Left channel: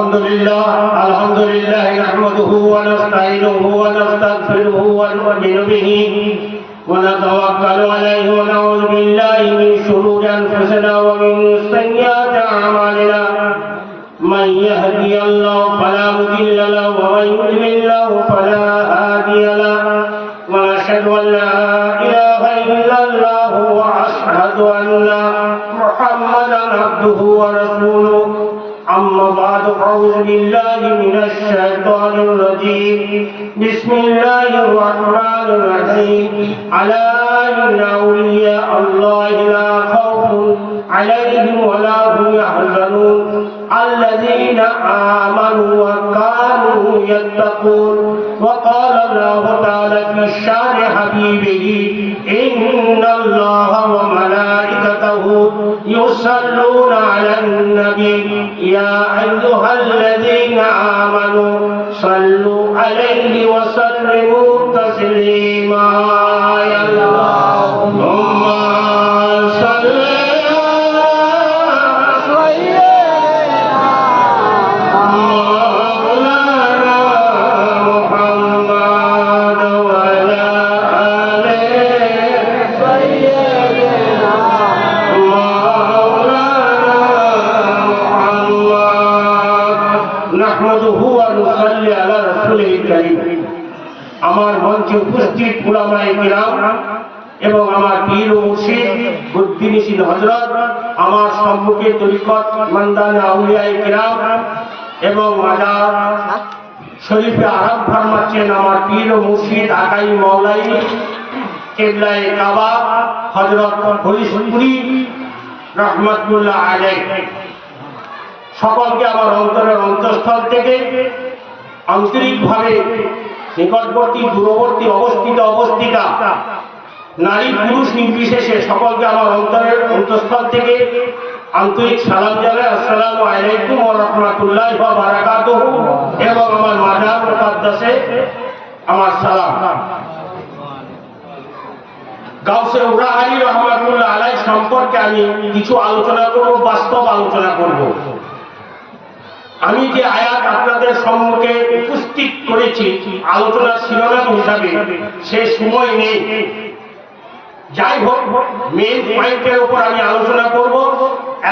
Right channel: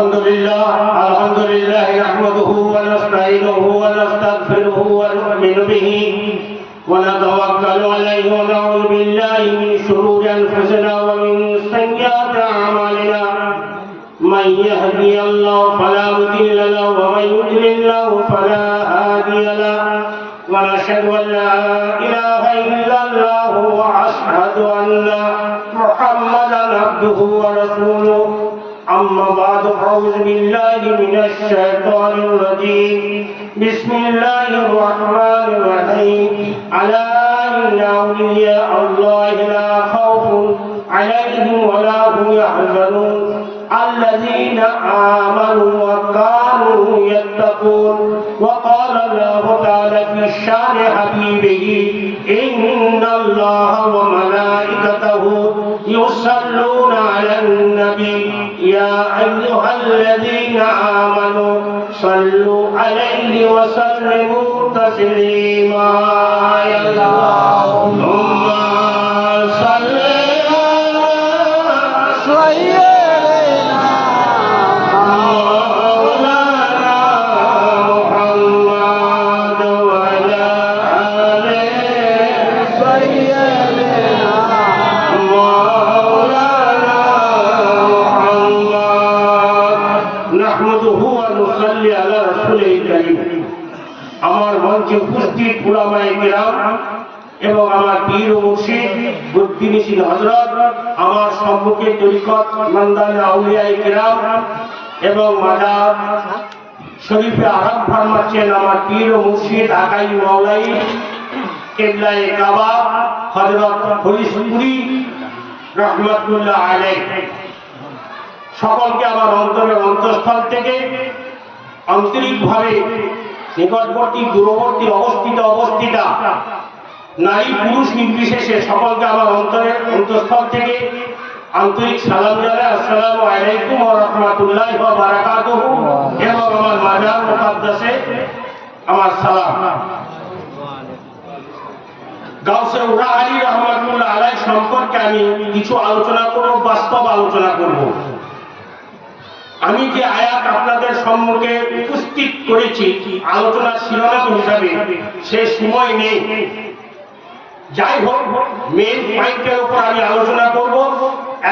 الحمد لله نحمده ونستعينه ونستغفره ونؤمن به ونتوكل عليه ونعوذ بالله من شرور انفسنا ومن سيئات اعمالنا من يهدي الله فلا مضل له ومن يضلل له فلا هادي له ونشهد ان لا اله الا الله واشهد ان محمدا عبده ورسوله أما بعد أعوذ بالله من الشيطان الرجيم بسم الله الرحمن الرحيم ألا إن أولياء الله لا خوف عليهم ولا هم يحزنون الذين آمنوا وكانوا يتقون وقال الله تعالى في شان حبيبه إن الله وملائكته يصلون على النبي يا أيها الذين آمنوا صلوا عليه وسلموا تسليما يا اللهم صل আমার মঞ্চে উপস্থিত উলামায়ে কিরাম এবং আমার পীর ও মুর্শিদ বুদ্ধিনিশীন হযরত, আমার সম্মুখে তরিকত মানদানে আউলিয়ায়ে কিরাম এবং মাজার শরীফে আরাম ফরমাচ্ছেন আমার পীর ও মুর্শিদ আকাই মাওলাই কিবলায়ে কাবা হযরত ফরিদপুরি রাহমাতুল্লাহ আলাইহি। সকলকে আমার অন্তরের অন্তঃস্থল থেকে আন্তরিকভাবে নিকটবর্তী দূরবর্তী অবস্থিতা নারী পুরুষ নির্বিশেষে সকলকে আমার অন্তরের অন্তঃস্থল থেকে আন্তরিক সালাম জানাই। আসসালামু আলাইকুম ওয়া রাহমাতুল্লাহি ওয়া বারাকাতুহু। এবং আমার মাজার মুকাদ্দাসে আমার সালাম। গাউসে উরা আলী রহমাতুল্লাহ আলাইহি সম্পর্কে আমি কিছু আলোচনা করব, বাস্তব আলোচনা করব। আমি যে আয়াত আপনাদের সম্মুখে উপস্থিত করেছি আলোচনার শিরোনাম হিসাবে, সে সময় নেই। যাই হোক, মেন পয়েন্টের উপর আমি আলোচনা করব।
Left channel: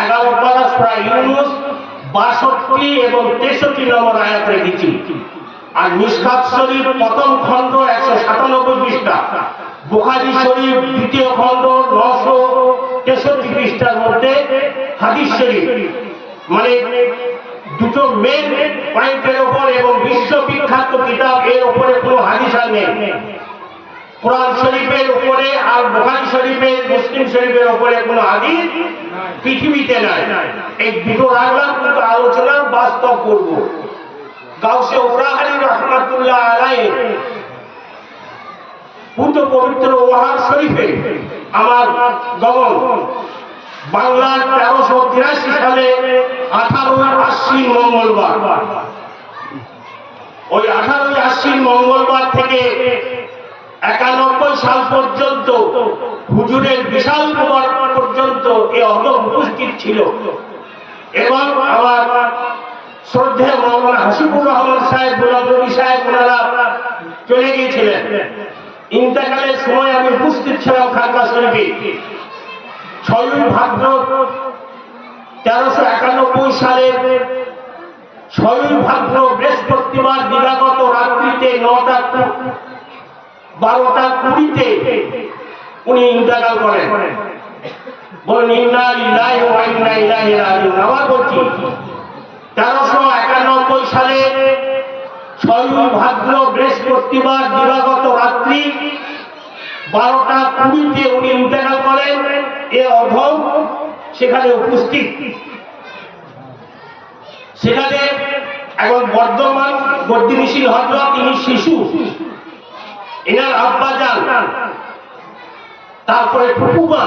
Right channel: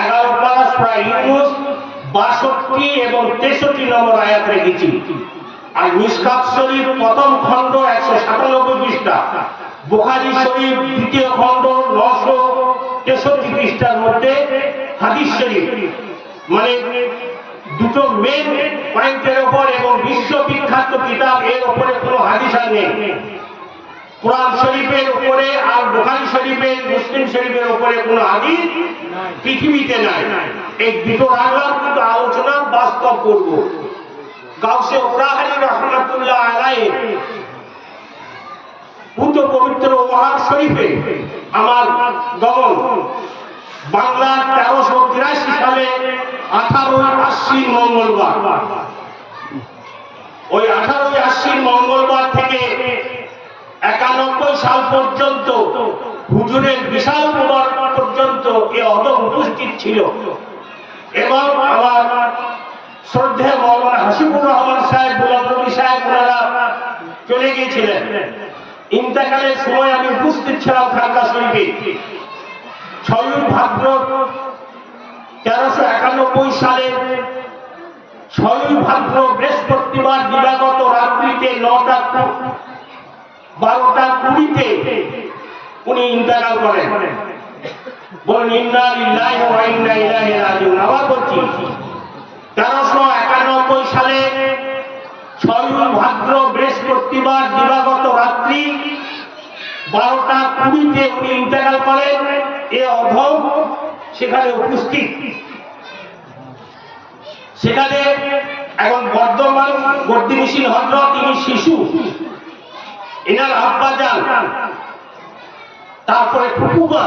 11 পারা সূরা ইউনূস 62 এবং 63 নম্বর আয়াত রেখেছি। আর মিশকাত শরীফ প্রথম খণ্ড 197 পৃষ্ঠা, বুখারী শরীফ দ্বিতীয় খণ্ড 963 পৃষ্ঠার মধ্যে হাদিস শরীফ, মানে দুটো মেন পয়েন্টের উপর এবং বিশ্ববিখ্যাত কিতাব এর উপরে কোনো হাদিস আর নেই। কোরআন শরীফের উপরে আর বুখারী শরীফের, মুসলিম শরীফের উপরে কোনো হাদিস পৃথিবীতে নাই। এই দুটো রাখলাম, কিন্তু আলোচনা বাস্তব করব। গাউসে উরাহারি রহমাতুল্লাহ আলাইহি পুত পবিত্র ওয়াহাব শরীফে আমার গমন বাংলা 1383 সালে 18ই আশ্বিন মঙ্গলবার। ওই 18ই আশ্বিন মঙ্গলবার থেকে 91 সাল পর্যন্ত হুজুরের বিশাল কুবার পর্যন্ত এ অদম উপস্থিত ছিল। এবং আমার শ্রদ্ধেয় মাওলানা হাসিবুর রহমান সাহেব, গোলাম নবী সাহেব, ওনারা চলে গিয়েছিলেন। ইন্তেকালের সময় আমি উপস্থিত ছিলাম খানকা শরীফে। 6ই ভাদ্র 1391 সালের 6ই ভাদ্র বৃহস্পতিবার দিবাগত রাত্রিতে 12:20 উনি ইন্তেকাল করেন। বলেন ইন্না লিল্লাহি ওয়া ইন্না ইলাইহি রাজিউন। আবার বলছি, 1391 সালে 6ই ভাদ্র বৃহস্পতিবার দিবাগত রাত্রি 12:20 উনি ইন্তেকাল করেন। এ অধম সেখানে উপস্থিত। সেখানে এখন বর্ধমান বুদ্ধিনিশীন হযরত, তিনি শিশু, এনার আব্বাজান, তারপরে ফুফুমা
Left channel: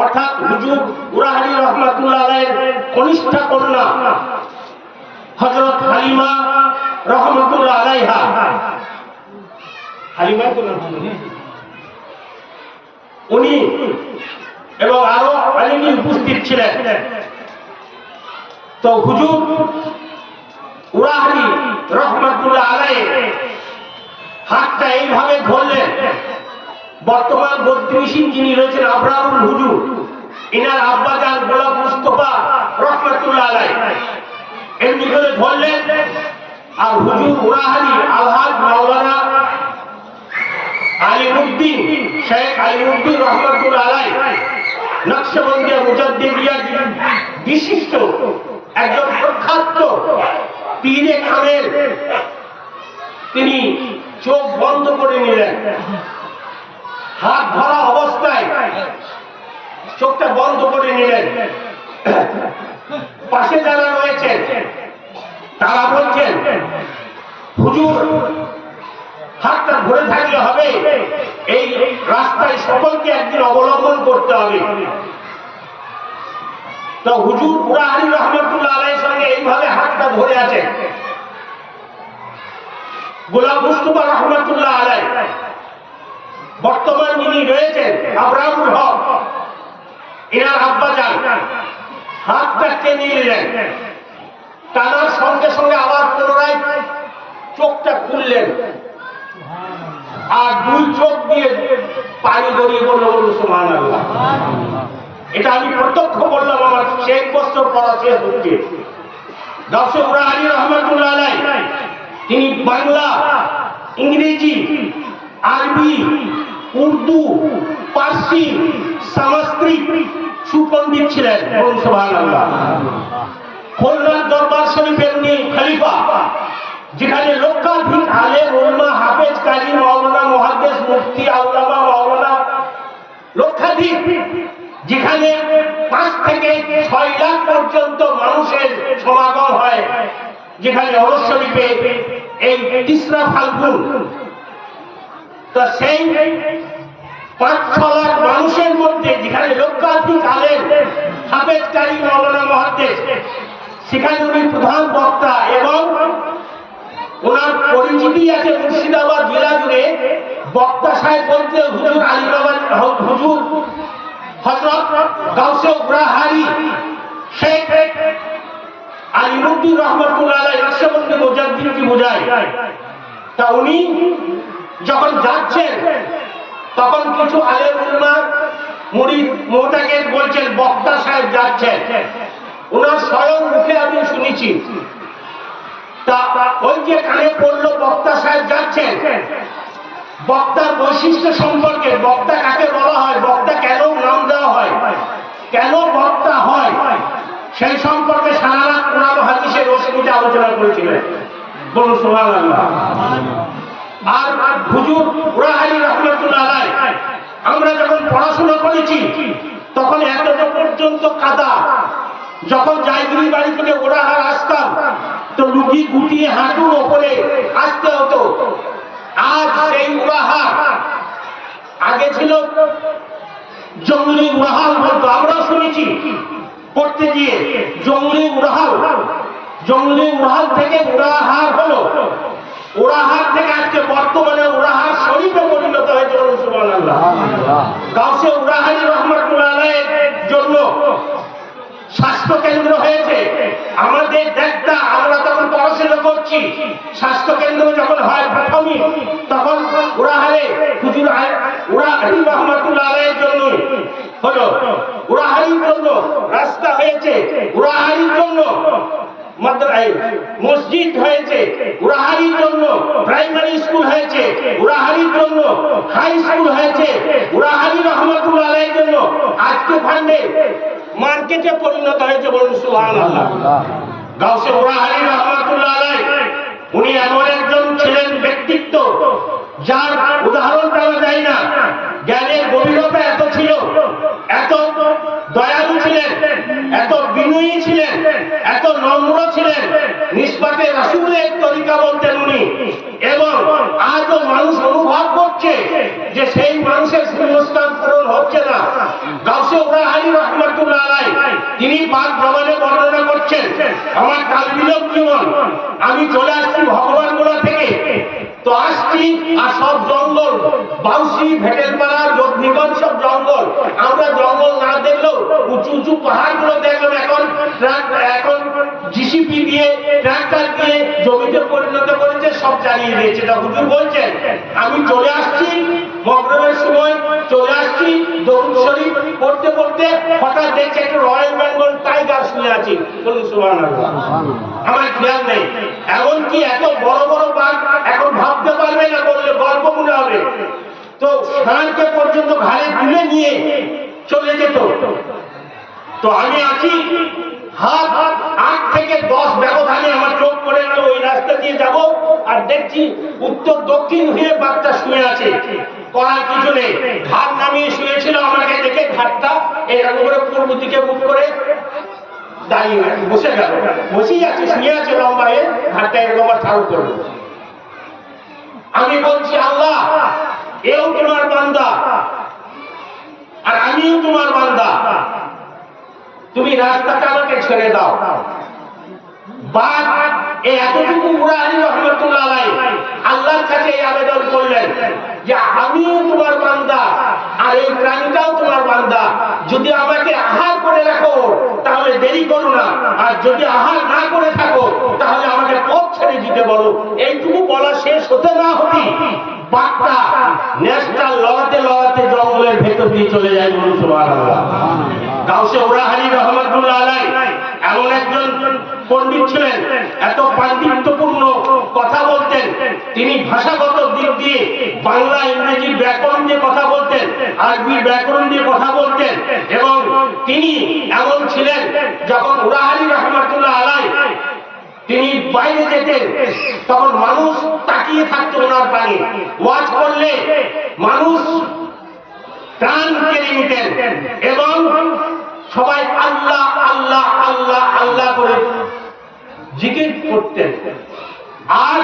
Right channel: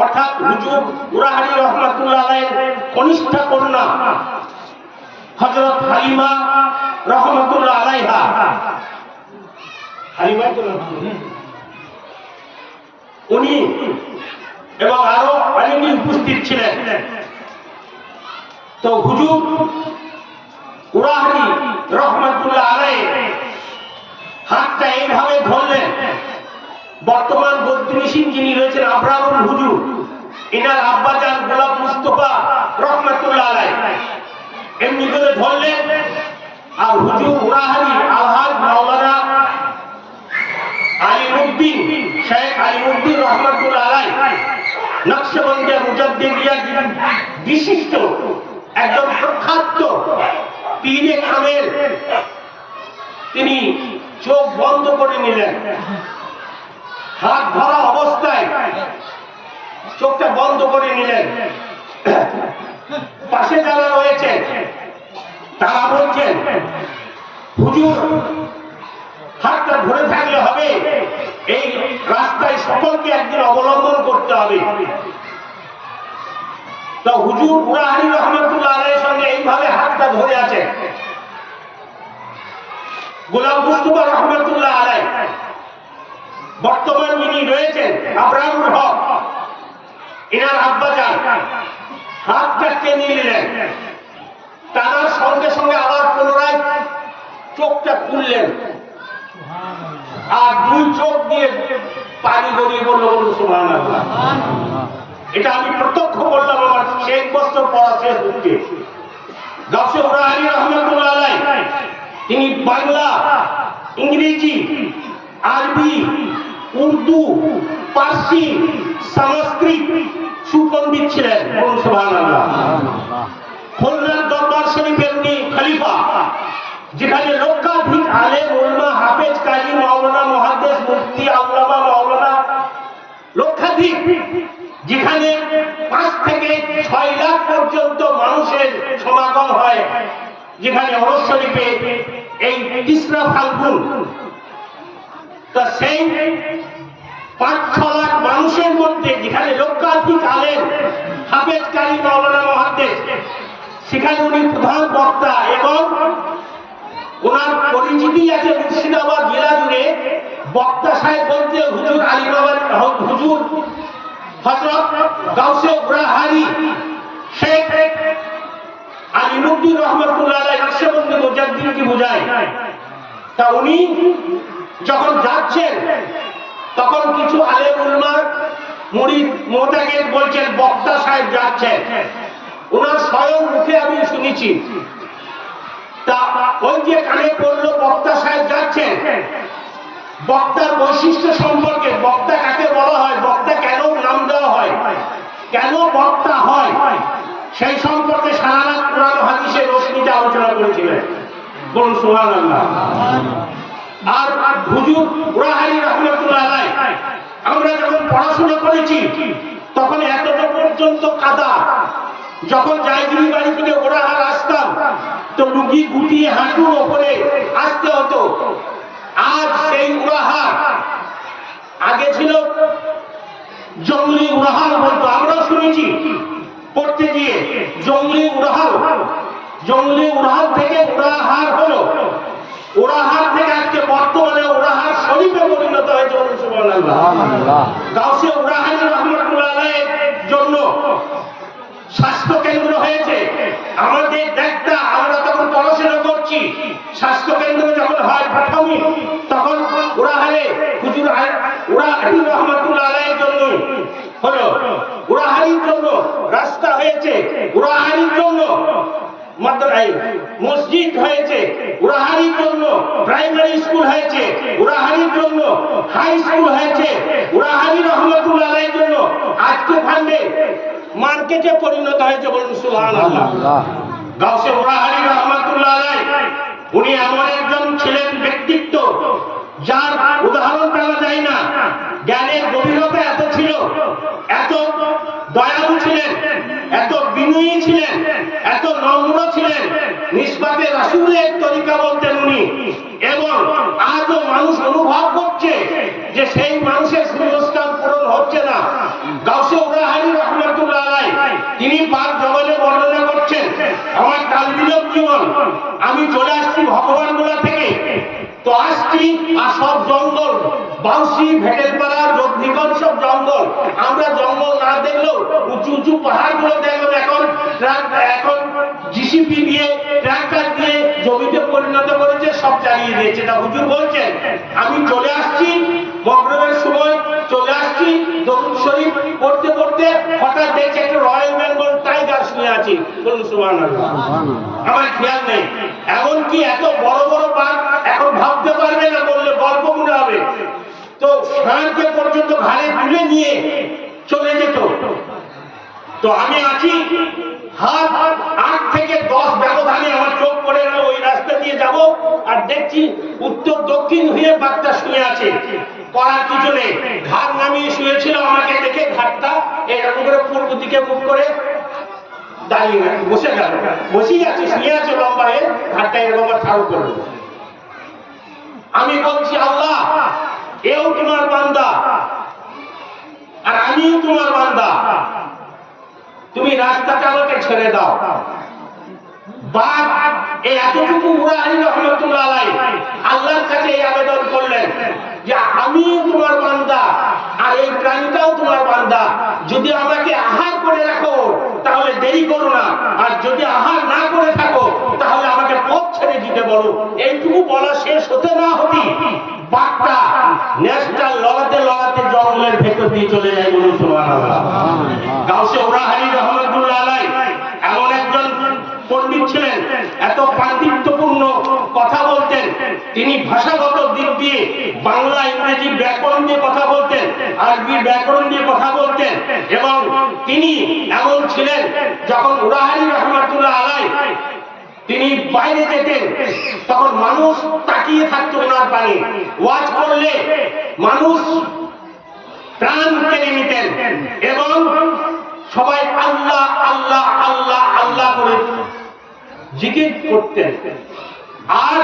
অর্থাৎ হুজুর উরাহারি রহমাতুল্লাহ আলাইহির কনিষ্ঠ কন্যা হযরত হালিমা রহমাতুল্লাহ আলাইহা, হালিমা তো নাম উনি এবং আরো অনেকে উপস্থিত ছিলেন। তো হুজুর বর্তমান বদ্রিশিন যিনি রয়েছেন আবরারুল হুজুর, ইনার আব্বাজান গোলাপ মুস্তফা রহমাতুল্লাহ আলাইহি এমনি করে ধরলেন। আর হুজুর উরাহারি আলহাজ মাওলানা আলিমউদ্দিন শেখ আলিমউদ্দিন রহমাতুল্লাহ আলাইহি নকশবন্দিয়া মুজাদ্দিদিয়া বিশিষ্ট একজন প্রখ্যাত পীরে কামেল, তিনি চোখ বন্ধ করে নিলেন, হাত ধরা অবস্থায় চোখটা বন্ধ করে নিলেন। পাশে যারা রয়েছেন তারা বলছেন, হুজুর হাতটা ধরে থাকলে হবে, এই রাস্তায় সকলকে একদিন অবলম্বন করতে হবে। তো হুজুর উরাহারি রহমাতুল্লাহ আলাইহির সঙ্গে এইভাবে হাতটা ধরে আছেন। গোলাম মুস্তফা রহমাতুল্লাহ আলাইহি বর্তমান যিনি রয়েছেন আবরারুল হক, এনার আব্বাজান হাতটা টেনে নিলেন, টানার সঙ্গে সঙ্গে আবার পুনরায় চোখটা খুললেন, আর দুই চোখ দিয়ে পানি গড়িয়ে পড়লো। বলল সুবহানাল্লাহ। এটা আমি প্রত্যক্ষ করলাম, আমার 6 বছর পড়া শেষ হচ্ছে। গাউসে উরাহারি রহমাতুল্লাহ আলাইহি তিনি বাংলা, ইংরেজি, আরবি, উর্দু, পার্সি, সংস্কৃত সুপণ্ডিত ছিলেন। বলুন সুবহানাল্লাহ। খুলনার দরবার শরীফের উনি খলিফা, যেখানে লক্ষাধিক আলেম উলামা হাফেজ কাজী মাওলানা মুহাদ্দিস মুফতি আল্লামা মাওলানা লক্ষাধিক, যেখানে 5 থেকে 6 লাখ পর্যন্ত মানুষের সমাগম হয়, যেখানে ওরস শরীফে এই তিসরা ফাল্গুন, তা সেই 5-6 লাখ মানুষের মধ্যে যেখানে লক্ষাধিক আলেম হাফেজ কাজী মাওলানা মুহাদ্দিস, সেখানে উনি প্রধান বক্তা এবং ওনার পরিচিতি আছে মুর্শিদাবাদ জেলা জুড়ে। বক্তা সাহেব বলতে হুজুর আলিবাবা হুজুর হযরত গাউসে উরাহারি শেখ আলিমউদ্দিন রহমাতুল্লাহ আলাইহি নকশবন্দি মুজাদ্দিদকে বোঝায়। তা উনি যখন যাচ্ছেন তখন কিছু আলেম উলামা মুরিদ মুতাকিদ বলছেন বক্তা সাহেব যাচ্ছেন, ওনার স্বয়ং মুখে আমি শুনেছি। তা ওই যে কানে পড়লো বক্তা সাহেব যাচ্ছেন, বক্তার বৈশিষ্ট্য সম্পর্কে, বক্তা কাকে বলা হয়, বক্তা কেন নাম দেওয়া হয়, কেন বক্তা হয়, সেই সম্পর্কে সারা রাত কোরআন হাদিসের রশ্মিতে আলোচনা করেছিলেন। বলুন সুবহানাল্লাহ। আর হুজুর উরাহারি রহমাতুল্লাহ আলাইহি আমরা যখন পড়াশোনা করেছি তখন এতটা পর্যন্ত কাদা, যখন জায়গিরি বাড়ি থেকে ওরাহার আসতাম তো লুঙ্গি গুটিয়ে হাঁটুর ওপরে আসতে হতো। আজ সেই উরাহার, আগে ছিল জঙ্গলি উরাহাল বলতো, আমরাও শুনেছি পড়তে গিয়ে জঙ্গলি উরাহাল, জঙ্গলি উরাহাল থেকে উরাহার হলো, উরাহার থেকে আজকে বর্তমানে উরাহার শরীফে পরিণত হয়েছে। বলুন সুবহানাল্লাহ। গাউসে উরাহারি রহমাতুল্লাহ আলাইহির জন্য স্বাস্থ্য কেন্দ্র হয়েছে। আমাদের দেখতা, আমরা তখন পড়াশোনা করছি, স্বাস্থ্য কেন্দ্র যখন হয় প্রথমে, তখন উরাহারে হুজুর উরাহারি রহমাতুল্লাহ আলাইহির জন্য হলো, উরাহারির জন্য রাস্তা হয়েছে, উরাহারির জন্য মসজিদ হয়েছে, উরাহারির জন্য প্রাইমারি স্কুল হয়েছে, উরাহারির জন্য হাই স্কুল হয়েছে, উরাহারি রহমাতুল্লাহ আলাইহির জন্য আজকে ফান্ডে মার্কেটে পরিণত হয়েছে। বলুন সুবহানাল্লাহ। গাউসে উরাহারি রহমাতুল্লাহ আলাইহি উনি এমন একজন ছিলেন ব্যক্তিত্ব যার উদাহরণ দেওয়া যায় না। জ্ঞানের গভীরতা এত ছিল, এত দয়ালু ছিলেন, এত বিনয়ী ছিলেন, এত নম্র ছিলেন, নিসবতে রাসূলের তরিকা বলতেন উনি। এবং আজও মানুষ অনুভব করছে যে সেই মানুষের শূন্যস্থান পূরণ হচ্ছে না। গাউসে উরাহারি রহমাতুল্লাহ আলাইহি তিনি পাক জবানে বর্ণনা করছেন, আমার কালবিলক জীবন, আমি চলে আসছি ভগবানগোলা থেকে, তো আসছি আর সব জঙ্গল, বাউসি, ভেটেলপাড়া, যোগনিগঞ্জ সব জঙ্গল। আমরা জঙ্গল না দেখলেও উঁচু উঁচু পাহাড়গুলো দেখলাম এখন জিসিপি দিয়ে ট্রাক্টর দিয়ে জমিতে পরিণত করেছে, সব জ্বালিয়ে দিয়েছে। তা হুজুর বলছে বলছেন আমি চলে আসছি মাগরিবের সময় চলে আসছি দরুদ শরীফ পড়তে পড়তে হঠাৎ দেখছি একটা রয়্যাল বেঙ্গল টাইগার শুয়ে আছে, বলুন সুবহানাল্লাহ। আমার খেয়াল নেই, এমনকি এত বড় বড় বাঘ এখন ভাবতে পারবে না, বললে গল্প মনে হবে। তো ষাঁড়কে পর্যন্ত ঘাড়ে তুলে নিয়ে চলে যেত। তো আমি আছি হাত 8 থেকে 10 ব্যবধানে আমার চোখ পড়ে গেল, ওই রাস্তা দিয়ে যাব আর দেখছি উত্তর দক্ষিণ হয়ে বাঘটা শুয়ে আছে। করার কিছু নেই, ঘাট নামিয়ে শুয়েছিল, আমাকে দেখে ঘাটটা এরকম করে পূর্ব দিকে মুখ করে দাঁড়িয়ে বসে গেল, বসেই আছে, শুয়ে আছে লম্বা হয়ে, ঘাটটা এরকম ঠাড়ো করলো। আমি বলছি আল্লাহ এও তোমার বান্দা আর আমিও তোমার বান্দা, তুমি রাস্তাটা আমাকে ছেড়ে দাও। বাঘ এই এতটুকু উরা আলী রহমতুল্লাহ আলাইহি আল্লাহর কাছে এই আবেদন করলেন যে আমিও তোমার বান্দা আর এই প্রাণীটাও তোমার বান্দা, যদি আমাকে আহার করে রাখো তাহলে দেরি করো না, আর যদি আহার না করে থাকো তাহলে আমাকে পথ ছেড়ে দিতে বলো। এইটুকু বলা শেষ হতে না হতেই বাঘটা নেশটা লড়াতে লড়াতে জঙ্গলের ভেতর দিয়ে চলে যায়, বলুন সুবহানাল্লাহ। গাউসে উরা আলী রহমতুল্লাহ আলাইহি এমন একজন পণ্ডিত ছিলেন, এত পাণ্ডিত্যপূর্ণ কথা বলতেন, তিনি ভাষাগত দিক দিয়ে বাংলা ইংরেজি ব্যাকরণ দিয়ে কথা বলতেন, আরবি ব্যাকরণ দিয়ে কথা বলতেন, এবং তিনি এমন ছিলেন যখন উরা আলী রহমতুল্লাহ আলাইহি তিনি বাইরে যেতেন তখন মানুষ তাকিয়ে থাকতো ওনার পানে, ওয়াজ করলে মানুষ প্রাণ কেড়ে নিতেন এবং সবাই আল্লাহ আল্লাহ আল্লাহ আল্লাহ করে জিকির করতেন। আর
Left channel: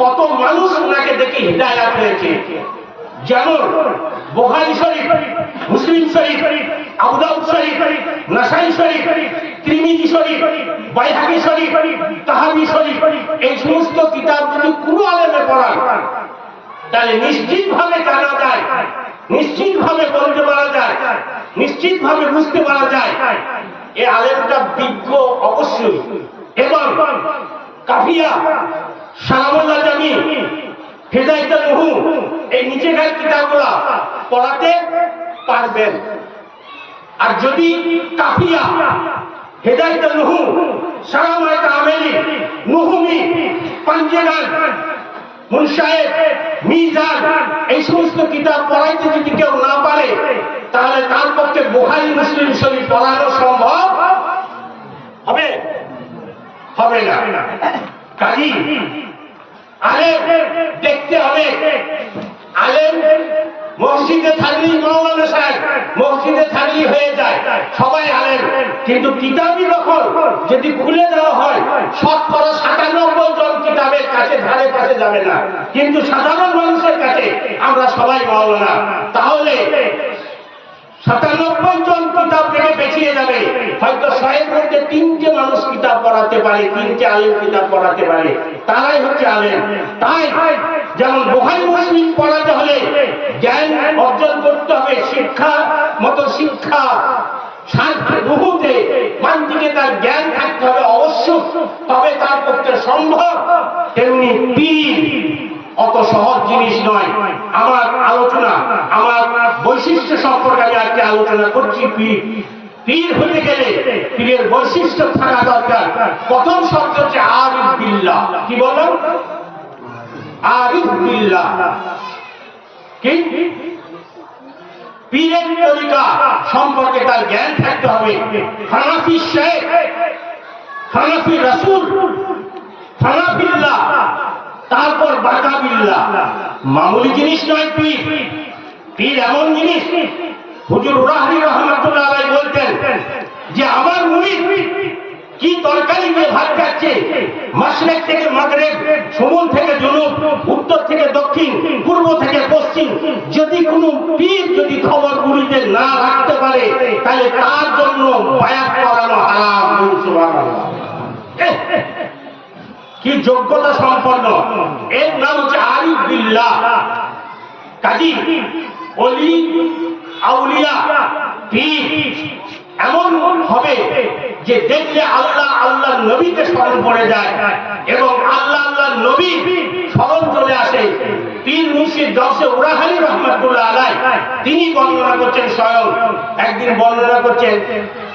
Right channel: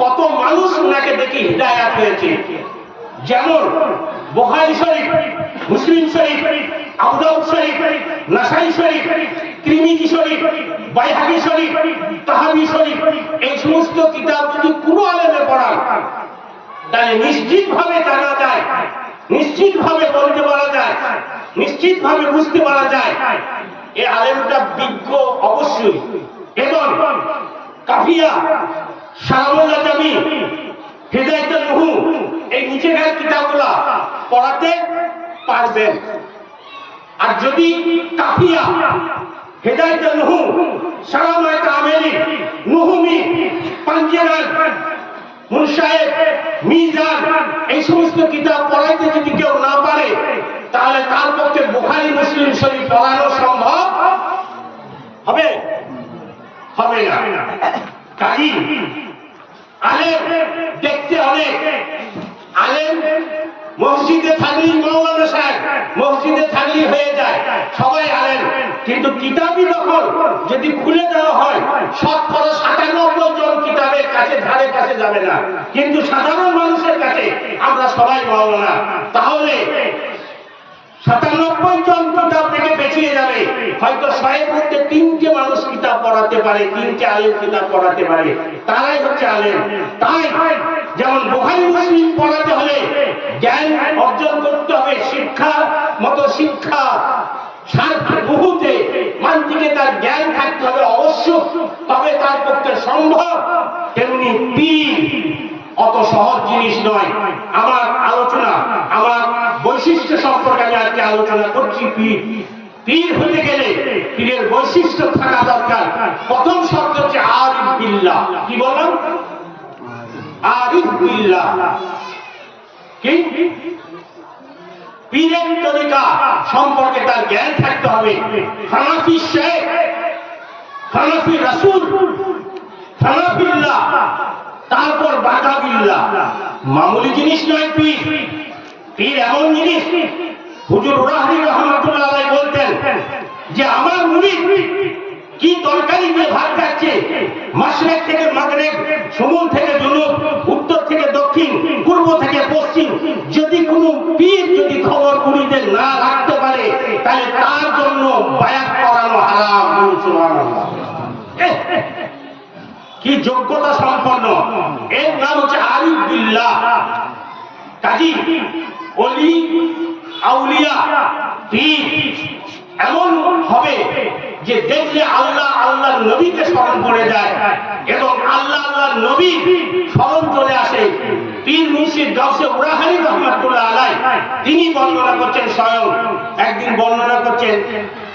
কত মানুষ ওনাকে দেখে হিদায়াত হয়েছে, যেমন বুখারী শরীফ, মুসলিম শরীফ, আবু দাউদ শরীফ, নাসাই শরীফ, তিরমিজি শরীফ, বাইহাকী শরীফ, তাহাবী শরীফ, এই সমস্ত কিতাব যদি কোনো আলেমে পড়ান তাহলে নিশ্চিতভাবে জানা যায়, নিশ্চিতভাবে বলতে পারা যায়, নিশ্চিতভাবে বুঝতে পারা যায় এই আলেমটা বিজ্ঞ অবশ্যই। এবং কাফিয়া, শারামুল্লাহ জামি, হিদায়াতুন নুহু, এই নিচেকার কিতাবগুলো পড়াতে পারবেন। আর যদি কাফিয়া, হিদায়াতুন নুহু, শারামায়ে কামেলি, নুহুমি, পাঞ্জেগান, মুনশায়েদ, মিজান, এই সমস্ত কিতাব পড়াইতে যদি কেউ না পারে তাহলে তার পক্ষে বুখারী মুসলিম শরীফ পড়ানো সম্ভব হবে হবে না। কাজী আলেম দেখতে অনেক, আলেম মসজিদে থাকলেই মাওলানা সাহেব, মসজিদে থাকলেই হয়ে যায় সবাই আলেম, কিন্তু কিতাবই যখন যদি খুলে দেওয়া হয় শতকরা ৯৭ জন কিতাবের কাছে ধারে পাশে যাবে না, কিন্তু সাধারণ মানুষের কাছে আমরা সবাই মাওলানা। তাহলে ৯৭ জন কিতাব থেকে বেঁচিয়ে যাবে, হয়তো ১০০-এর মধ্যে ৩টে মানুষ কিতাব পড়াতে পারে, ৩টে আলেম কিতাব পড়াতে পারে, তারাই হচ্ছে আলেম। তাই যেমন বুখারী মুসলিম পড়াতে হলে জ্ঞান অর্জন করতে হবে, শিক্ষা মতো শিক্ষা মুহূর্তে মানটিকে তার জ্ঞান থাকতে হবে অবশ্য, তবে তার পক্ষে সম্ভব। তেমনি পীর অত সহজ জিনিস নয়। আমার আলোচনা, আমার বৈশিষ্ট্য সম্পর্কে আমি আজকে আলোচনা করছি। পীর হতে গেলে পীরের বৈশিষ্ট্য থাকা দরকার। প্রথম শব্দ হচ্ছে আরিফ বিল্লাহ। কি বললাম? আরিফ বিল্লাহ। কি? পীরের তরিকা সম্পর্কে তার জ্ঞান থাকতে হবে। হানাফি শেখ, হানাফি রাসূল, হানাফিল্লাহ, তারপর বাকাবিল্লাহ। মামুলি জিনিস নয় পীর। পীর এমন জিনিস, হুজুর উরাহরি রহমাতুল্লাহ আলাইহি বলতেন যে আমার মুরিদ কি তরকারি দিয়ে ভাত খাচ্ছে, মাশরিক থেকে মাগরিব, শুমুল থেকে জুনুব, উত্তর থেকে দক্ষিণ, পূর্ব থেকে পশ্চিম, যদি কোনো পীর যদি খবর মুরিদের না রাখতে পারে তাহলে তার জন্য বায়াত করানো হারাম। সুবহানাল্লাহ। কি যোগ্যতা সম্পন্ন, এর নাম হচ্ছে আরিফ বিল্লাহ। কাজী ওলি আউলিয়া পীর এমন হবে যে দেখলে আল্লাহ আল্লাহ নবীকে স্মরণ করে যায় এবং আল্লাহ আল্লাহ আল্লাহর নবী স্মরণ চলে আসে। পীর মুর্শিদ গাউসে উরাহানি রহমাতুল্লাহ আলাইহি তিনি বর্ণনা করছেন, স্বয়ং একদিন বর্ণনা করছেন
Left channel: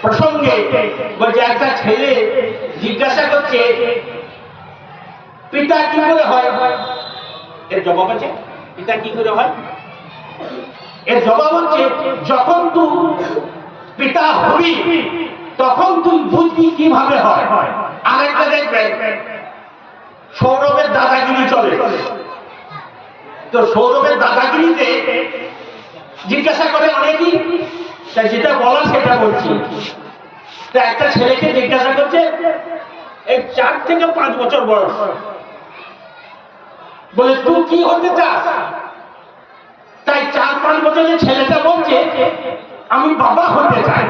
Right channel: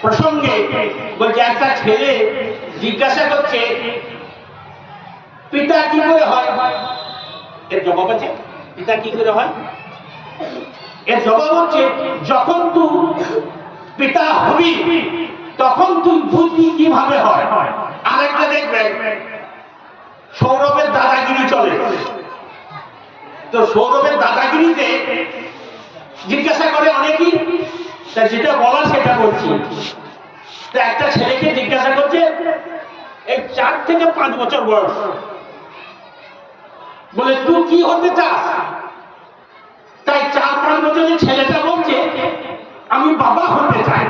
প্রসঙ্গে, বলছে একটা ছেলে জিজ্ঞাসা করছে পিতা কি করে হয়। এর জবাব আছে পিতা কি করে হয়। এর জবাব হচ্ছে যখন তুই পিতা হবি তখন তুই বুঝবি কিভাবে হয়। আরেকটা দেখবেন সৌরভের দাদাগিরি চলে, তো সৌরভের দাদাগিরিতে জিজ্ঞাসা করে অনেকেই, তাই যেটা বলার সেটা বলছি। তা একটা ছেলেকে জিজ্ঞাসা করছে এই 4 থেকে 5 বছর বয়স, বলে তুই কি হতে চাস। তাই 4-5 বছরের ছেলেটা বলছে আমি বাবা হতে চাই।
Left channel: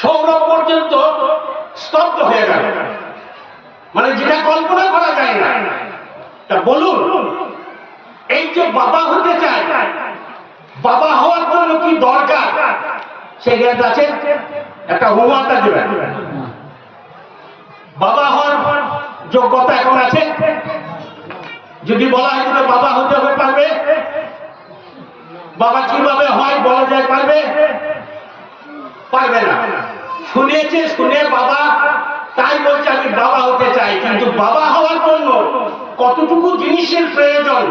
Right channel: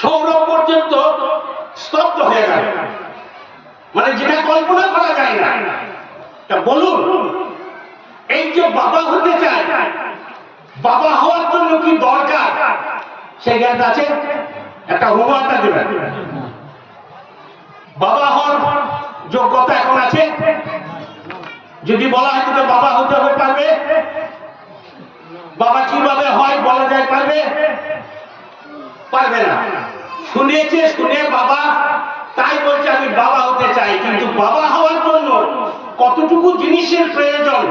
সৌরভ পর্যন্ত স্তব্ধ হয়ে গেল, মানে যেটা কল্পনা করা যায় না। তা বলুন এই যে বাবা হতে চায়, বাবা হওয়ার জন্য কি দরকার সে জ্ঞান আছে? একটা হুমাটা দেবেন। বাবা হওয়ার যোগ্যতা এখন আছে? যদি বলা হয় যে বাবা হতে হবে, পারবে? বাবা কিভাবে হয় বলা যায়, পারবে? পারবে না। শুনেছে, শুনে বাবা তাই বলছে আমি বাবা হতে চাই। কিন্তু বাবা হওয়ার জন্য কতটুকু জিনিসের প্রয়োজন,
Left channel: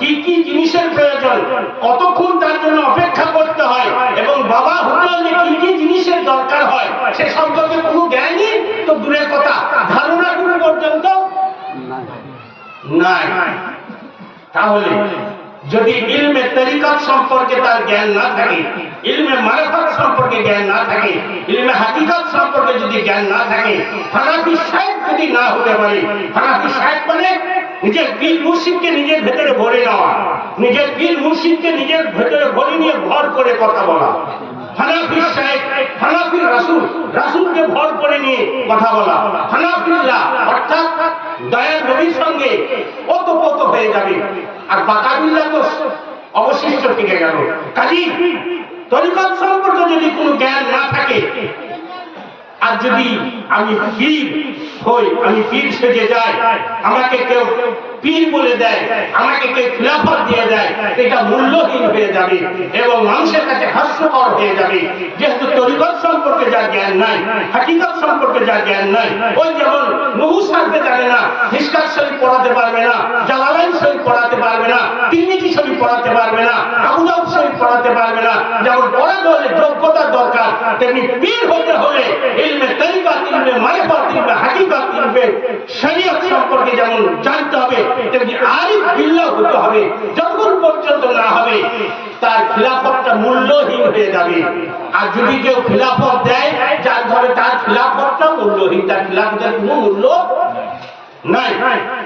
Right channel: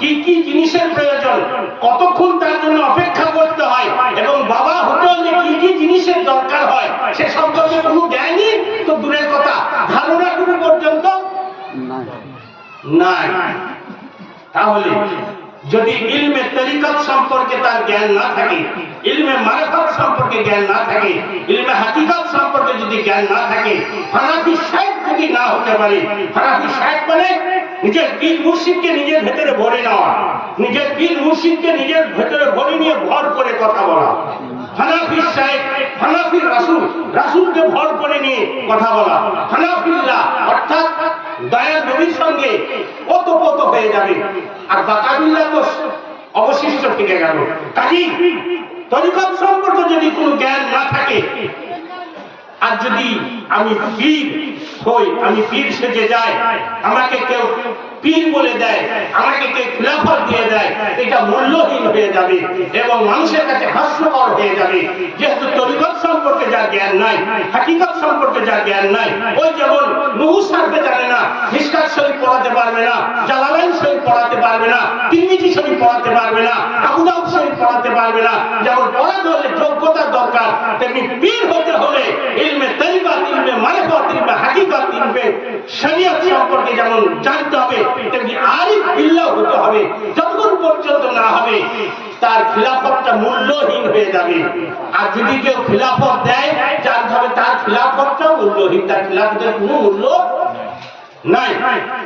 কি কি জিনিসের প্রয়োজন, কতক্ষণ তার জন্য অপেক্ষা করতে হয়, এবং বাবা হতে হলে কি কি জিনিসের দরকার হয় সে সম্পর্কে কোনো জ্ঞানই তো দূরের কথা, ধারণা কোনো পর্যন্ত নাই। তাহলে যদি ইলমে তরিকত সম্পর্কে তার জ্ঞান না থাকে, ইলমে মারিফত সম্পর্কে জ্ঞান না থাকে, ইলমে হাকিকত সম্পর্কে যদি জ্ঞান না থাকে, হানাফি শাইখ যদি না হতে পারে, হানাফি শাইখ মানে নিজের পীর মুর্শিদকে নিজের ভেতরে ভরে নেওয়া, নিজের পীর মুর্শিদকে নিজের ভেতরে ভরে নিয়ে ভর করে কথা বলা। হানাফি শাইখ, হানাফি রাসূল, রাসূলকে ভর করে নিয়ে কথা বলা। হানাফিল্লাহ অর্থাৎ দয়াল নবীর সঙ্গে ওতপ্রোত হয়ে যাবে, আর বাকাবিল্লাহ তো অবশিষ্ট থেকে গেল। কাজেই তরিকত সম্পর্কে যদি কোনো জ্ঞান না থাকে, আর যদি আমি পীর হই, আমি পীর সেজে যাই, আমাকে কেউ পীর বলে দেয়, আমাকে কেউ খিলাফত দিয়ে দেয়, এটা মূল্যহীন হয়ে যাবে এবং মানুষের কাছে হাস্যকর হয়ে যাবে। যেহেতু তরিকত সম্পর্কে যার জ্ঞান নাই, হাকিকত সম্পর্কে যার জ্ঞান নাই, ওই যেমন নুহু সারফে জানে না, মিশকাত শরীফ পড়াতে পারবে না, জালালাইন শরীফ পড়াতে পারবে না, তিরমিজি শরীফ পড়াতে পারবে না, আবু দাউদ শরীফ পড়াতে পারবে না, যেমন পড়াতে হলে যোগ্যতার দরকার, তেমনি পীর হতে হলে ইলমে তরিকত, ইলমে মারিফত, ইলমে হাকিকত, ইলমে শরীয়ত সম্পর্কে যেমন জানতে হবে, তেমনি আরিফ বিল্লাহ হতে হবে। যতক্ষণ পর্যন্ত না হবে তার খিলাফতটা মূল্যহীন হয়ে যাবে। আর যদি কেউ খিলাফত দেয়, জানতে হবে তার খিলাফতটা মূল্যহীন, তার খিলাফতের কোনো মূল্য নাই।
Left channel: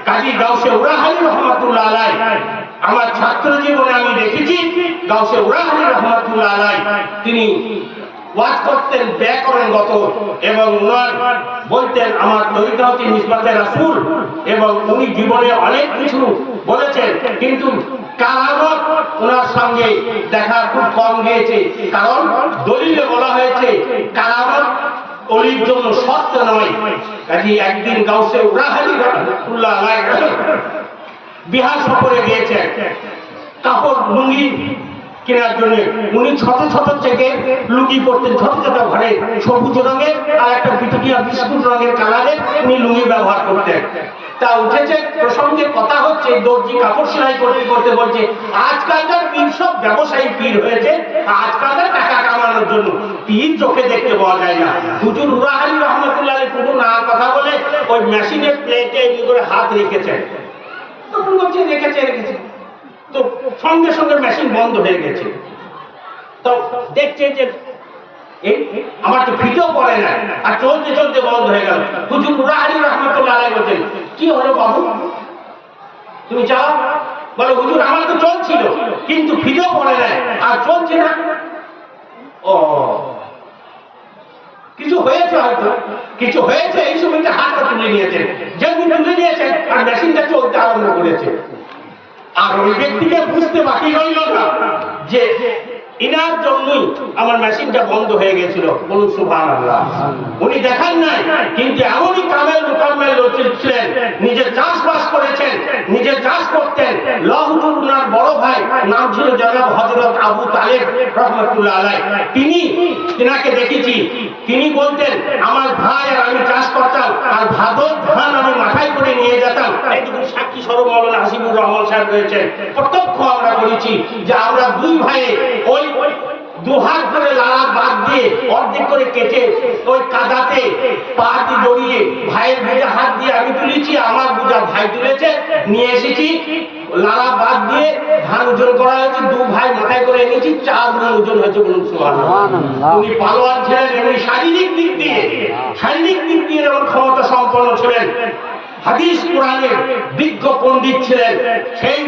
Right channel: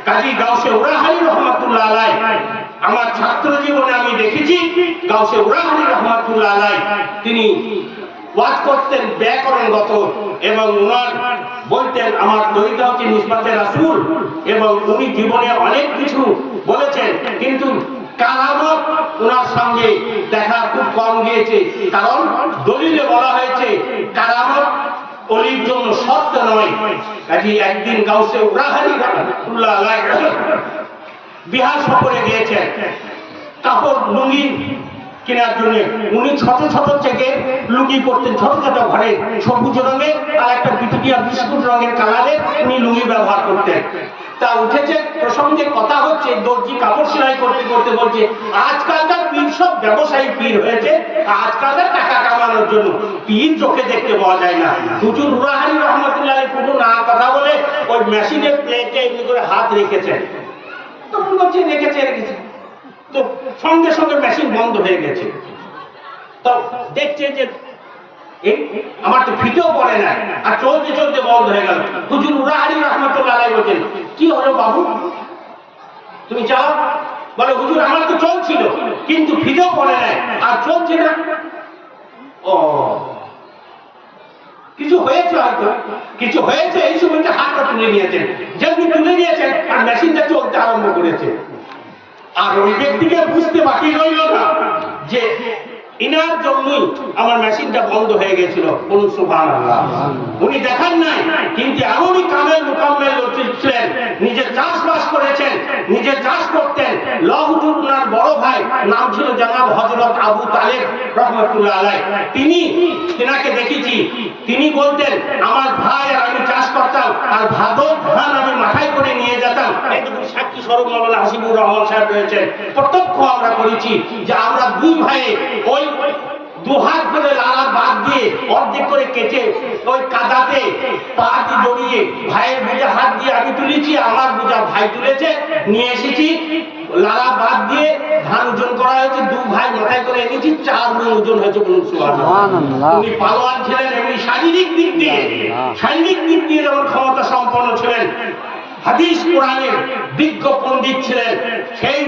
কাজী গাউসে উরাহানি রহমাতুল্লাহ আলাইহি, আমার ছাত্র জীবনে আমি দেখেছি গাউসে উরাহানি রহমাতুল্লাহ আলাইহি তিনি ওয়াজ করতেন ব্যাকরণগত, এবং উনার বলতেন আমার তরিকা হচ্ছে নিসবতে রাসূল, এবং উনি জীবনে অনেক কিছু বলেছেন, কিন্তু কারামত ওনার সঙ্গে দেখা খুব কম গিয়েছে। কারণ দলিলে বলা হয়েছে কারামত অলির জন্য শর্ত নয়। কাজে একদিন গাউসে উরাহানি রহমাতুল্লাহ আলাইহি বিহার সফরে গিয়েছেন কাপড় লুঙ্গি কেনার জন্য। উনি ছোট ছোট থেকে লুঙ্গি পরতেন, ছোট ছোট ঘরে সবুজ রঙের আর একটা বিটুটিয়া বিস্কুট রঙের কালারের উনি লুঙ্গি ব্যবহার করতেন। তা উঠেছে প্রসঙ্গে কথা হচ্ছে, দর্জি কাপড় সেলাই করতে করতে বলছে আজকালকার পীর সব ব্যবসায়ী পীর হয়েছে, আজকালকার টাকা কামানোর জন্য পীর চোখে দেখতে পাওয়া যায় না। হুজুর উরাহানি রহমাতুল্লাহ আলাইহি পুরো না কথা বলে ওই মেশিনের প্লেটে এমনি করে হাত রেখেছেন, তখন বলছে রেখেছে, তো সঙ্গে সঙ্গে মেশিন বন্ধ হয়ে গেছে। তো দেখছে যে আমার তো ফিটেও পড়ে না, আর চলতে চলতে বন্ধ হয়ে গেল। হুজুর উরাহানি রহমাতুল্লাহ আলাইহি বলছেন কি হলো বাবু, তুমি চালাও? বলে হুজুর আমার তো চলছিল কিন্তু ফিটেও পড়ে না আর চলছে না। ও কিছু হয়েছে, হয়তো কিছু হয়েছে। এই সময়টা হাতটা তুলে নিয়েছেন, যেমনি তুলে নিয়েছেন আর মেশিনটা চলতে আরম্ভ করেছে। আর ওই ব্যক্তিকে বুঝতে বাকি রইল না যে ইনার জন্যই আমার মেশিনটা বন্ধ হয়ে গেছিল। বলুন সুবহানাল্লাহ। উনি দেখান নাই, কিন্তু এমনই কামেল মুকাম্মেল ছিলেন, নিজের জান করেছেন, নিজে চাষ করতেন। হুজুর উনার বড় ভাই নাম ছিল জনাব হযরত আবু তালেব রহমাতুল্লাহ আলাইহি। তিনাকে দেখেছি, তিনি বলতেন আমার ভাই আর আমি চাষ করতাম, আর ভাদর ধান আমি মাথায় করে নিয়ে যেতাম। এইটুকু সাক্ষী স্বরূপ মাওলানা হাসিবুর রহমান সাহেব রয়েছেন। প্রত্যক্ষ আমরা করেছি যে আমরা দুই ভাইয়ে ওই দুহাত করে লাড়া বাদ দিয়ে অর্ধেক করে কেটে ওই কাদাতে পা দিয়ে জড়িয়ে ভাইয়ের বুঝে হাত দিয়ে আমি তুলেছি, আমার বুঝা ভাই তুলেছে, নিয়ে এসেছি। লাড়া বাদ দিয়ে ধান ওজন করা হয়েছে, দু ভাই মাথায় করে এনেছি, 4 মণ ওজন হয়েছে। বলুন সুবহানাল্লাহ। উনি পালোয়ান ছিলেন, এমনি শারীরিক দিক দিয়ে যেমন ক্ষমতা সম্পন্ন ছিলেন, হাদিস কোরআনের বিজ্ঞ পণ্ডিত ছিলেন। সেই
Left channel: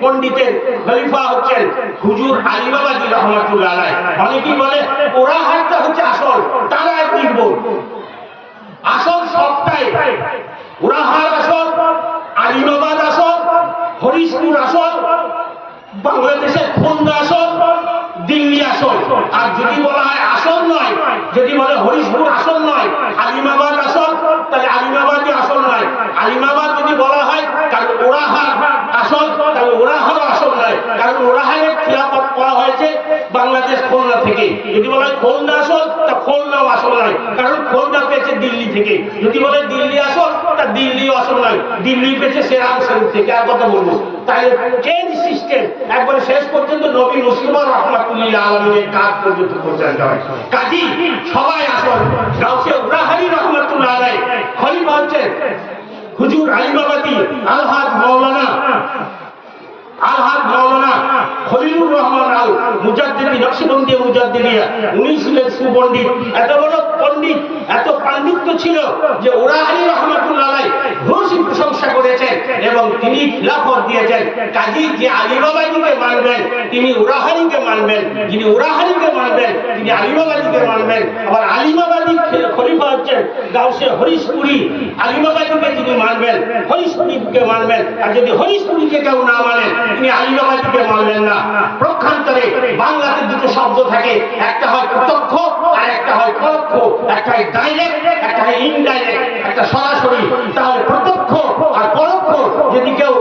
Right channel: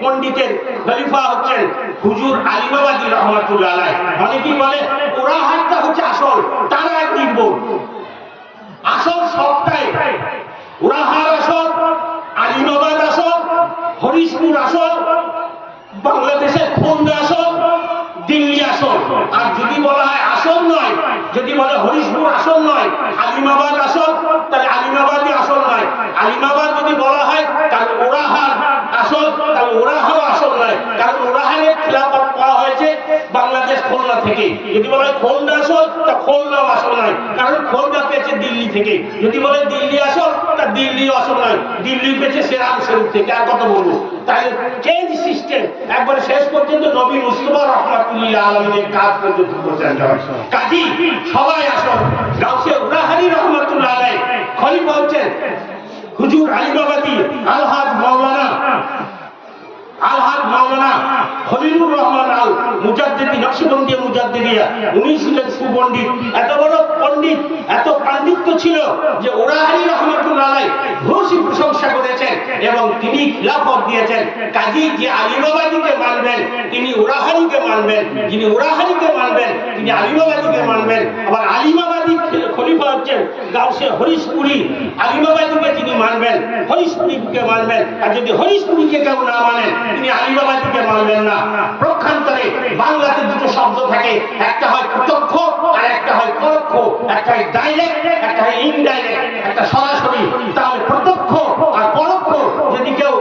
পণ্ডিতের খলিফা হচ্ছেন হুজুর আলিমাবাদী রহমাতুল্লাহ আলাইহি। অনেকেই বলে ওরা হাতটা হচ্ছে আসল, তারা এক নির্ভুল। আসল সবটাই ওরাহার আসল, আলিমাবাদ আসল, হরিশপুর আসল, বাংলাদেশের খুলনা আসল, দিল্লি আসল। আর যদি বলা হয় আসল নয়, যদি বলে হরিশপুর আসল নয়, আলিমাবাদ আসল, তাহলে আলিমাবাদই আসল নয়। আলিমাবাদ যদি বলা হয় তাহলে ওরাহার আসল, তাহলে ওরাহারও আসল নয়, কারণ ওরাহারের খিলাফত করা হয়েছে বাংলাদেশ খুলনা থেকে। যদি বলা হয় খুলনা আসল, তা খুলনাও আসল নয়, কারণ খুলনা পেয়েছে দিল্লি থেকে। যদি বলে দিল্লি আসল, তা দিল্লিও আসল নয়, দিল্লি পেয়েছে সেরাম শরীফ থেকে। আর কত বলবো? তাহলে চেঞ্জ সিস্টেম একবারে শেষ পর্যন্ত নবী মুস্তাফা রাহমাতুল্লাহ আলাইহির কাজ পর্যন্ত পৌঁছানো হয়। কাজী সবাই আসল। গাউসে উরাহারি রহমাতুল্লাহ আলাইহি খলিফা হচ্ছেন হুজুর আলিমাবাদী আলহাজ মাওলানা খলিলুর রহমান আল মুজাদ্দিদি নকশবন্দি মুজাদ্দিদিয়া। উনি ছিলেন সুপণ্ডিত, এত বড় পণ্ডিত, এত পাণ্ডিত্য ছিল যে উরাহারি রহমাতুল্লাহ আলাইহি ঘোষী প্রশংসা করেছেন এবং তিনি খিলাফত দিয়েছেন। কাজী যে আলিমাবাদীকে মানবেন তিনি উরাহারিকে মানবেন, যিনি উরাহারিকে মানবেন তিনি আলিমাবাদীকে মানবেন। আবার আলিমাবাদী খলিফা হচ্ছেন গাউসে হরিশপুরি, আলিমাবাদীকে তিনি মানবেন, হরিশপুরিকে মানবেন। আর যদি হরিশপুরিকে কেউ না মানেন তিনি আলিমাবাদীকে মানলেন না। প্রক্ষান্তরে বাংলাতে দুটো শব্দ থাকে, একটা হয় প্রত্যক্ষ আর একটা হয় পরোক্ষ, একটা হয় ডাইরেক্ট, একটা হয় ইনডাইরেক্ট, একটা সরাসরি। তাহলে প্রত্যক্ষ আর পরোক্ষ যদি কেউ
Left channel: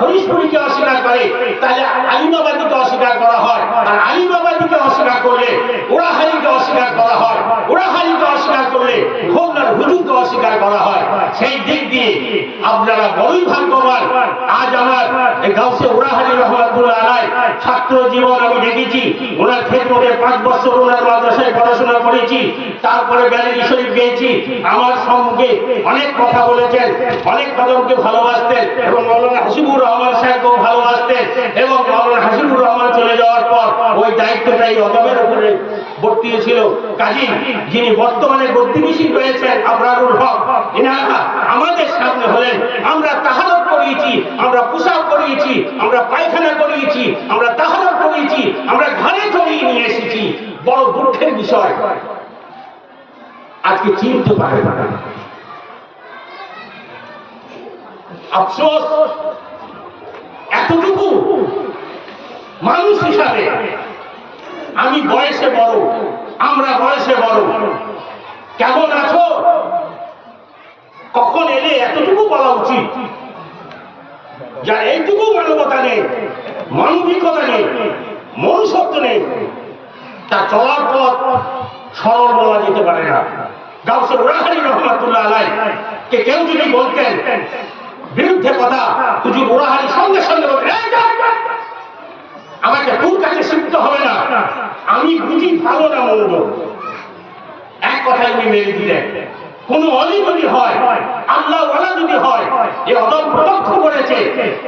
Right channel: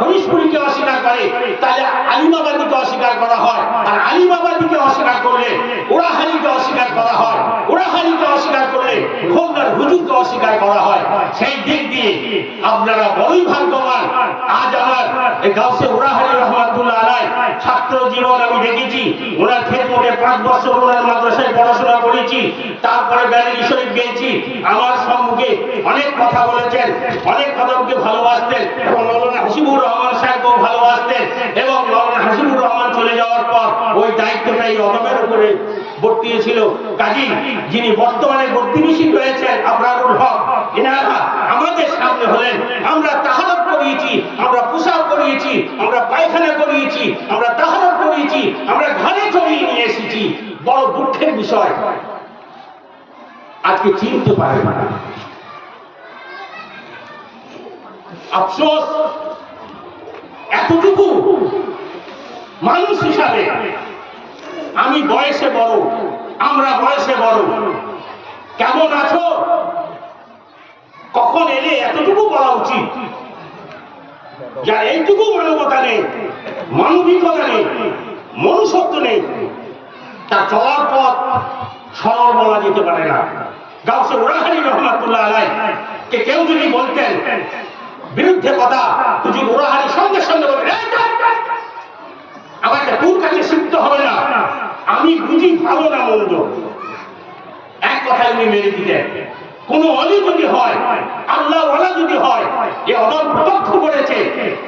হরিশপুরিকে অস্বীকার করে তাহলে আলিমাবাদীকে অস্বীকার করা হয়, আর আলিমাবাদীকে অস্বীকার করলে উরাহারিকে অস্বীকার করা হয়, উরাহারিকে অস্বীকার করলে খুলনার হুজুরকে অস্বীকার করা হয়। সেই দিক দিয়ে আপনারা বড়ই ভাগ্যবান। আজ আমার এই গাউসে উরাহারি রহমাতুল্লাহ আলাইহি ছাত্র জীবন আমি দেখেছি। ওনার খেদমতে 5 বছর ওনার মাদ্রাসায় পড়াশোনা করেছি, তারপরে ব্যারেলি শরীফ গিয়েছি। আমার সম্মুখে অনেক কথা বলেছেন, অনেক কদমকে ভালোবাসতেন এবং মাওলানা হাসিবুর রহমান সাহেবকেও ভালোবাসতেন। এবং মাওলানা হাসিবুর রহমান চলে যাওয়ার পর ওই দায়িত্বটা এই অদমের উপরে বর্তিয়েছিল। কাজী যিনি বর্তমানে বর্তিবিশীল রয়েছেন আবরারুল হক, এনারা আমাদের সামনে হলেন। আমরা তাহারত করিয়েছি, আমরা পোশাক করিয়েছি, আমরা পায়খানা করিয়েছি, আমরা তাহারত করিয়েছি, আমরা ঘরে চড়িয়ে নিয়ে এসেছি। বড় দুঃখের বিষয় আজকে চিনতে পারে না। আফসোস এতটুকু মানুষ হিসাবে আমি বয়সে বড়, আমরা বয়সে বড়, কেমন আছো, কখন এলে, এতটুকু বলা উচিত। যার এইটুকু মানবতা নেই, মানবিকতা নেই, মনুষ্যত্ব নেই, তার চলার পথ সরল বলা যেতে পারে না। গাউসে উরাহারি রহমাতুল্লাহ আলাইহি কে কেউ যদি বলতেন বিরুদ্ধে কথা, হুজুর উরাহারি সঙ্গে সঙ্গে বলতেন আমাকে তোর কাছে শিখতে হবে না, আমি বুঝি ভালো না মন্দ। এক কথাই উনি মেরে দিতেন। কোন অলি যদি হয়, আল্লাহ ওয়ালা যদি হয়, এ অদল প্রত্যক্ষ করেছে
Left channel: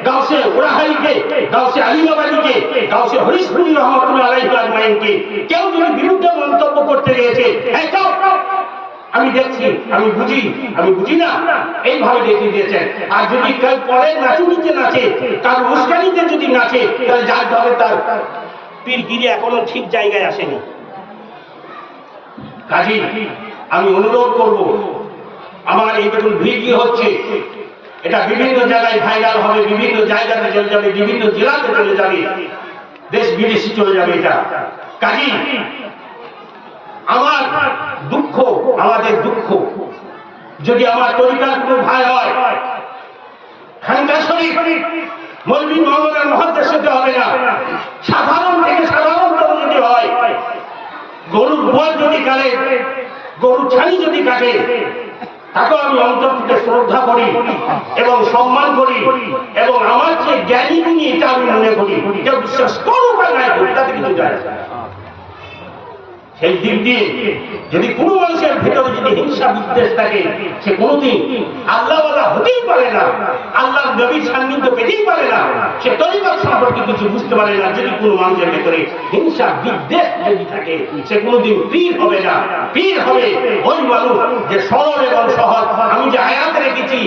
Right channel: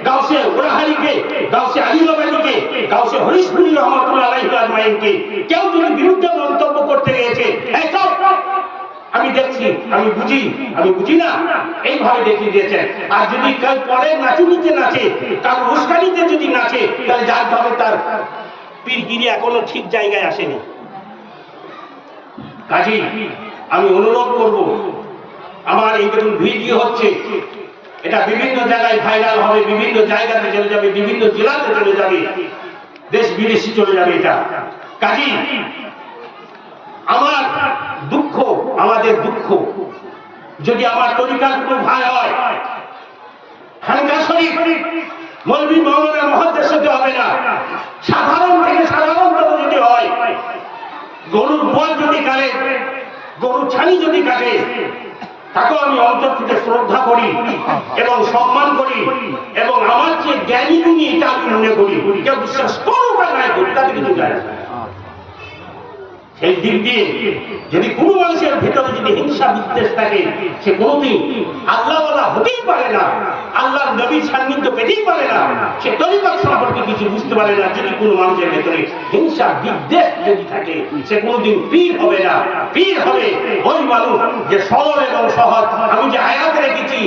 গাউসে উরাহারিকে, গাউসে আলিমাবাদীকে, গাউসে হরিশপুরি রহমাতুল্লাহ আলাইহি আজমাইনকে কেউ যদি বিরুদ্ধে মন্তব্য করতে গিয়েছে, এই চল আমি দেখছি, আমি বুঝি না, এইভাবে দেখিয়ে দিয়েছেন। আর যদি কেউ পরে নাচুনিতে নাচে, তার উস্কানিতে যদি নাচে, তাহলে যার ভাবে তার পীরগিরি এখনো ঠিক জায়গায় আসেনি। কাজী আমি অনুরোধ করব, আমার এই দেখুন ভিডিও হচ্ছে, এটা বিভিন্ন জায়গায় ভাইরাল হবে, বিভিন্ন জায়গাতে চলে যাবে, বিভিন্ন জেলাতে চলে যাবে, দেশ বিদেশে চলে যাবে এটা। কাজী আমার দুঃখ, আমাদের দুঃখ, যদি আমার তরিকার কোনো ভাই হয়, খানকা শরীফ মৌলভী মাওলানা মুহাদ্দিস হতে হবে না, সাধারণ থেকে সাধারণতম যদি হয়, গরুর গোয়াল যদি কাটে, গরুর ছানি যদি কাটে, তাকেও আমি অন্তর থেকে শ্রদ্ধা করি এবং সম্মান করি এবং আমার যে জ্ঞানী গুণী এটা আমি মনে করি। কেউ বিশ্বাস করুক আর নাই করুক, তাতে কিছু যায় না। সেই দিক দিয়ে যদি কোনো মানুষের ভিতরে যদি হিংসা বিদ্বেষ থাকে, সে কোনোদিন আল্লাহওয়ালা হতেই পারে না, আল্লাহর নবীর সান্নিধ্য পেতেই পারে না, সে তরিকত সম্পর্কে কিছু বুঝতে পারে না। যদি কোনো মানুষের ভিতরে হিংসা বিদ্বেষ যদি থাকে, সে কোনোদিন পীর হবে না। পীর হবে ওই মানুষ যে সরল এবং সহজ। আমি যে আয়াতে রেখেছি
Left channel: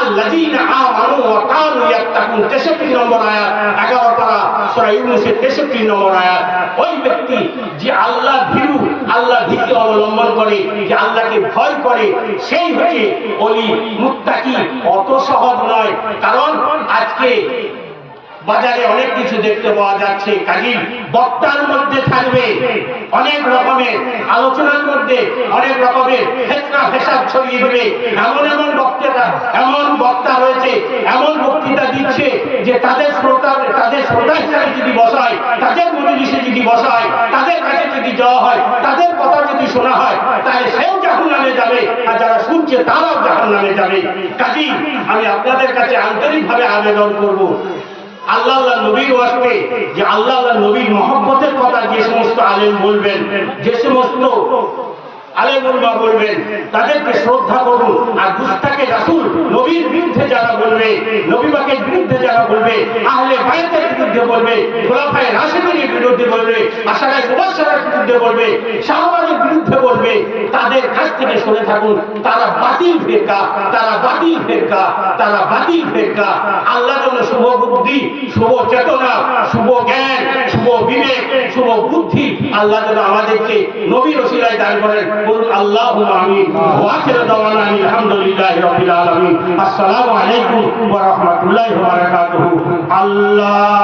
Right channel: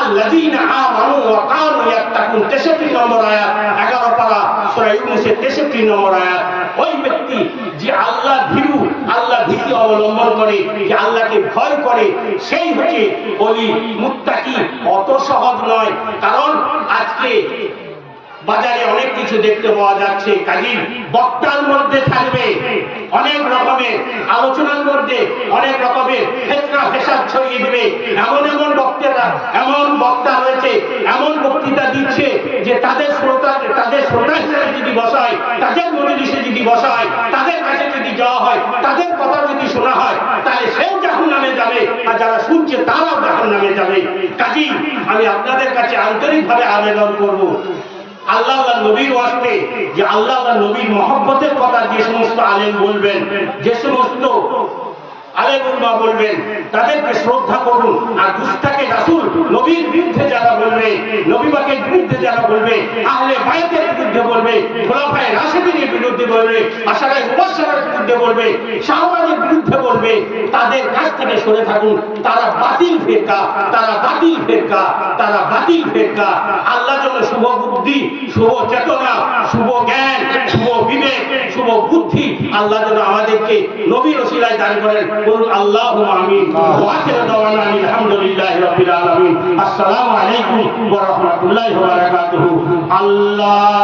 আল্লাযীনা আমানু ওয়া কানু ইয়াত্তাকুন, 63 নম্বর আয়াত, 11 পারা সূরা ইউনূসের 63 নম্বর আয়াত। ওই ব্যক্তি যে আল্লাহ ভীরু, আল্লাহ ভীতি অবলম্বন করে, যে আল্লাহকে ভয় করে, সেই হচ্ছে ওলি মুত্তাকি। অত সহজ নয়, কারণ আজকে বাজারে অনেক কিছু দেখতে পাওয়া যাচ্ছে। কাজী বক্তার মধ্যে থাকবে অনেক রকমের আলোচনার মধ্যে অনেক রকমের ফিতনা ফেসাদ ছড়িয়ে দেবে। এমন এমন বক্তা রয়েছে, এমন বক্তৃতা দিচ্ছে যে তাদের শ্রোতা হিসাবে যদি বসায়, তাদের মজলিসে যদি বসায়, তাদের কাছে যদি যাওয়া হয়, তাদের কথা যদি শোনা হয়, তাহলে সেও জাহান্নামে যাবে আর যারা শুনছে তারাও জাহান্নামে যাবে। কাজী আমি আপনাদের কাছে আন্তরিকভাবে আবেদন করব, আল্লাহ নবীর ওয়াস্তে, যে আল্লাহ নবীর মহব্বতের কথা যে সমস্ত আলেম বলবেন, যে সমস্ত আলেম উলামা বলবেন, তাদেরকে শ্রদ্ধা করুন। আর গুস্তাকে রাসূল, নবীর বিরুদ্ধে যারা বলবে, নবী পাকের বিরুদ্ধে যারা বলবে, আহলে বায়তের বিরুদ্ধে বলবে, খোলাফায়ে রাশিদিনের বিরুদ্ধে বলবে, আশারায়ে মুবাশশারার বিরুদ্ধে বলবে, শাহবাজের বিরুদ্ধে বলবে, তাদের কাছ থেকে সরে থাকুন। তারা বাতিল ফিরকা, তারা বাতিল ফিরকা, তারা বাতিল ফিরকা। আল্লাহ যেন শুভ বুদ্ধি, শুভ চেতনা, শুভ জ্ঞান, শুভ বিবেক, শুভ বুদ্ধি আল্লাহ যেন আমাদেরকে নবীর ওসিলায় দান করেন। বলুন আল্লাহুম্মা আমিন। ওয়া আখিরু দাওয়ানা আলহামদুলিল্লাহি রাব্বিল আলামিন। আসসালামু আলাইকুম ওয়া রাহমাতুল্লাহি ওয়া বারাকাতুহু। আল্লাহ